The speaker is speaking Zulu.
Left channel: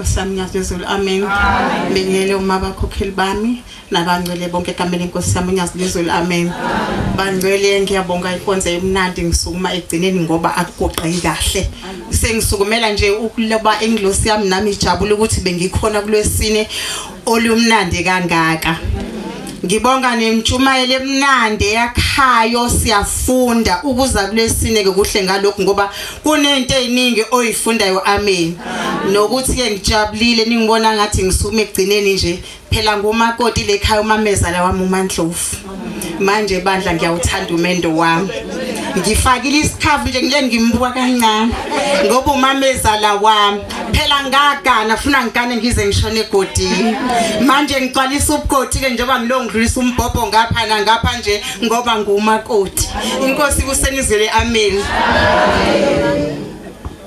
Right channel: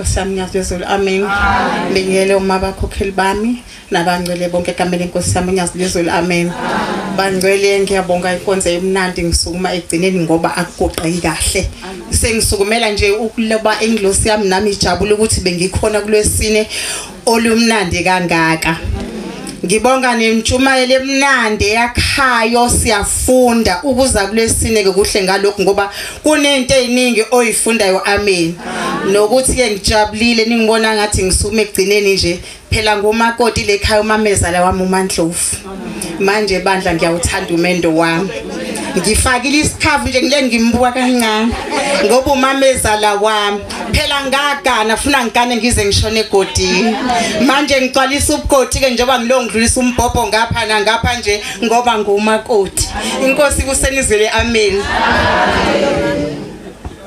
Nkosi yami ngiyazizulu amen. Ngiyele uma bakhokheli bami nabangcwele bonke egameni lenkosi yami ngiyazizulu amen. Bangcwele ngiyabonga ikonze emnandi ngisukuma egcineni ngoba akugoqeki kahle. Sengisukumela nje ukuloba englosi yami nami ijabule ukuthi bengikhona kulwesine olumnandi kangaka. Ngibonga nemtshumayelo emnandi yakhayo siyafunda ukuza kulesine ke kuhle ngalokho ngoba kunento eziningi oyifundayo amen. Nokuthi ke ngijabulile ningibona ngathi ngisume egcineni nje phela ngumakoti lekhaya umamezala wami uMandlovu. Manje bandla ngiyawuthanda umendo wami. Ngifakile isikhavu nje ngile ngimbuka kancane ngoba umamezala wami phela ngagana funa ngikane ngize ngishone egodini. Manje ngicwalisa ubugodi ke njengoba ngilongidlulisa umbhobho ngapha nangapha nje ngoba ngumakoti. Inkosi kusenizele amen.